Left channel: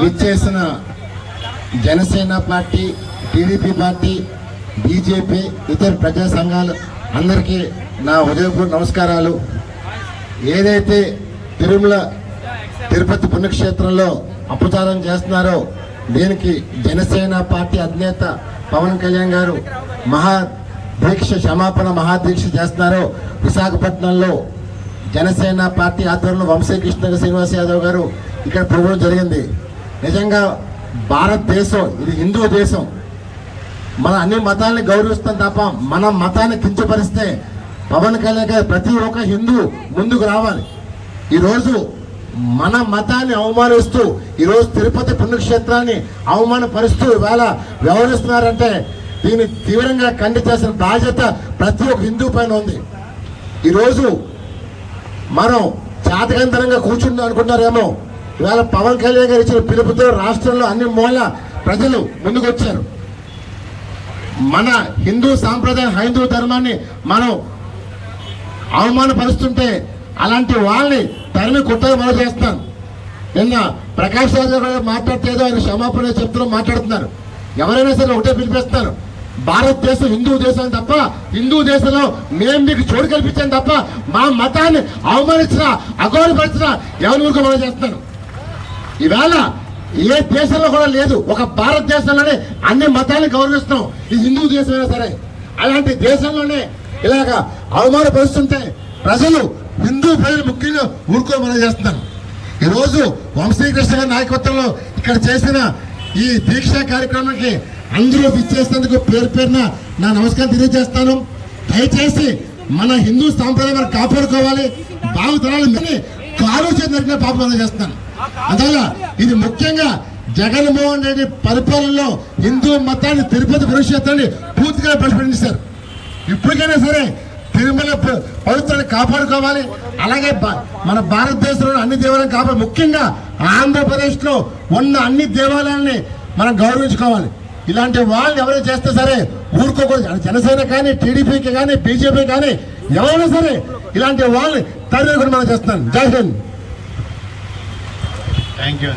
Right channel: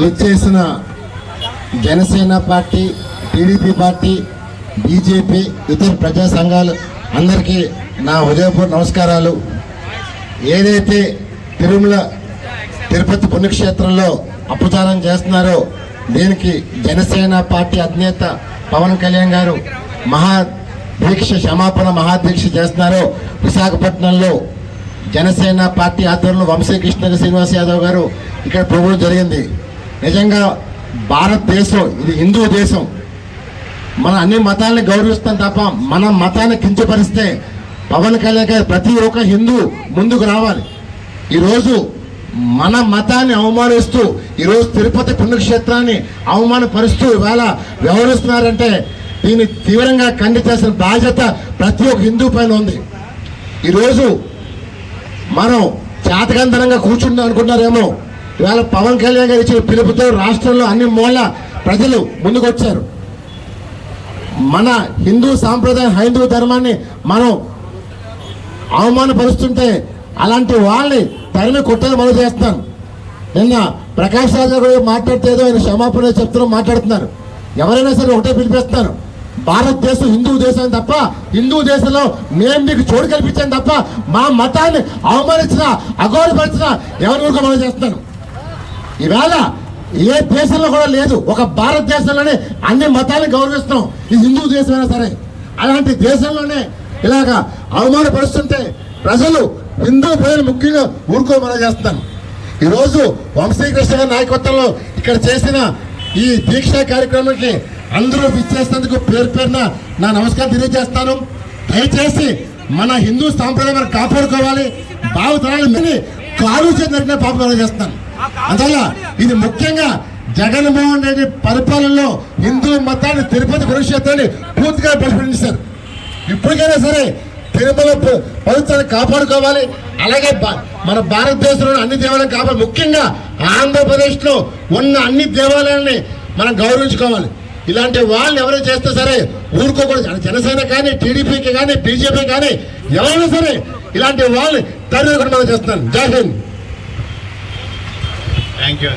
విచ్చేసిన Janasena party, TDP party, BJP, ఇతర ప్రజా సంఘాలు అందరికీ నా హృదయపూర్వక నమస్కారాలు. ఏదైతే తిరుపతి పుణ్యక్షేత్రంలో అపచారం చేస్తున్నారో దీనికి జనసేన పార్టీ అధినేత పవన్ కళ్యాణ్ గారు క్షమాపణ మహాదీక్ష చేస్తున్నారో విశాఖపట్నంలో జనసేన పార్టీ ఆధ్వర్యంలో వంశీకృష్ణ శ్రీనివాస్ యాదవ్ గారు ఇక్కడ ప్రభుత్వం జరిగింది. నిజంగా భారతదేశం ఇది హిందూ దేశం. మన అన్ని మతాలను గౌరవిస్తాం తప్ప మన మతాన్ని కించపరిస్తే పవన్ కళ్యాణ్ ప్రతి ఒక్క హిందూ ముందుకు రావాలి. ఈరోజు మన మతాన్ని అవమానిస్తూ ఈరోజు తిరుపతి పుణ్యక్షేత్రాన్ని అవమానపరుస్తూ ఇవాళ వ్యవహరిస్తున్నారంటే దీన్ని తీవ్రంగా ఖండించాల్సిన బాధ్యత ప్రతి ఒక్క హిందూ పైన ఉంది. ఈరోజు మనం చేతకంతరంగా కూర్చుందాం అనుకుంటారేమో, ఇవాళ పవన్ కళ్యాణ్ గారు ఇచ్చిన పిలుపుతో రాష్ట్రంలో అన్ని మూల ప్రజలు ముందుకొచ్చారు. మన హిందూ సాంప్రదాయం హైందవ ధర్మాన్ని మనం అవమానపరుస్తుంటే అలాంటి వాళ్ళని తరిమి కొట్టని మొదలు చేస్తాను. నిన్న ప్రకాష్ రాజు గారు మాట్లాడితేదో ఆయన క్షమాపణ చెప్తూ మాట్లాడుతున్నారు. ఎవరైనా సరే ఒకటే పిలిపిస్తారు, భారతదేశం హిందూ దేశం తప్ప హిందూ దేశంలో మేము మీకు చోటు కల్పించాం తప్ప మా మతాన్ని అవమానించినా అగౌరవపరిచినా ఎవరి మీకు మొదలు చేస్తాను. ఇవాళ ఏ దేశంలో కూడా లేదు, ఒక భారతదేశంలోనే అన్ని మతాలను గౌరవిస్తున్నాం. ఇది హిందూ దేశమైనా సరే అలాంటి దేశంలోనే ఇలాగా అవమానపరుస్తుంటే ప్రజలు హిందూ ప్రజలు ముఖ్యంగా ఊరుకోమని చేస్తాను. ఈరోజు వంశీకృష్ణ గారి నాయకత్వంలో ఇక్కడ చేసిన ఈ దీక్ష కార్యక్రమానికి అందరూ విచ్చేసినందుకు పేరు పేరున నా నమస్కారం తెలియజేస్తాను. దయచేసి మన హిందూ సాంప్రదాయం మనం కాపాడుకోవాలి. భావతరాలు కాలుష్యం జరిగిన పాపం చేస్తాను. అందువల్ల ఇది ముఖ్యంగా జగన్మోహన్ రెడ్డి పరిపాలనలో హిందూ మతాన్ని తిరుపతి పుణ్యక్షేత్రాన్ని పూర్తిగా బలపడించారు. ఇప్పటికైనా సరే తిరుమల పవిత్రాన్ని కాపాడుకోవాలి. అలాగే మన భారతదేశంలో అన్ని దేవాలయాలను కాపాడు, ముఖ్యంగా ఆంధ్రప్రదేశ్ లో ఉన్న అన్ని దేవాలయాన్ని మనం గౌరవించుకోవాలి. ఇలాంటి వాళ్ళని ఎవరైనా చేస్తే సరే ఊరుకోకూడదు. జనసేన కానీ, టీడీపీకి కానీ, బీజేపీ కానీ ఎవరైనా సరే ఇలాంటి వాళ్ళని తరివేయకుండా చేస్తాను. జై హింద్. Thank you.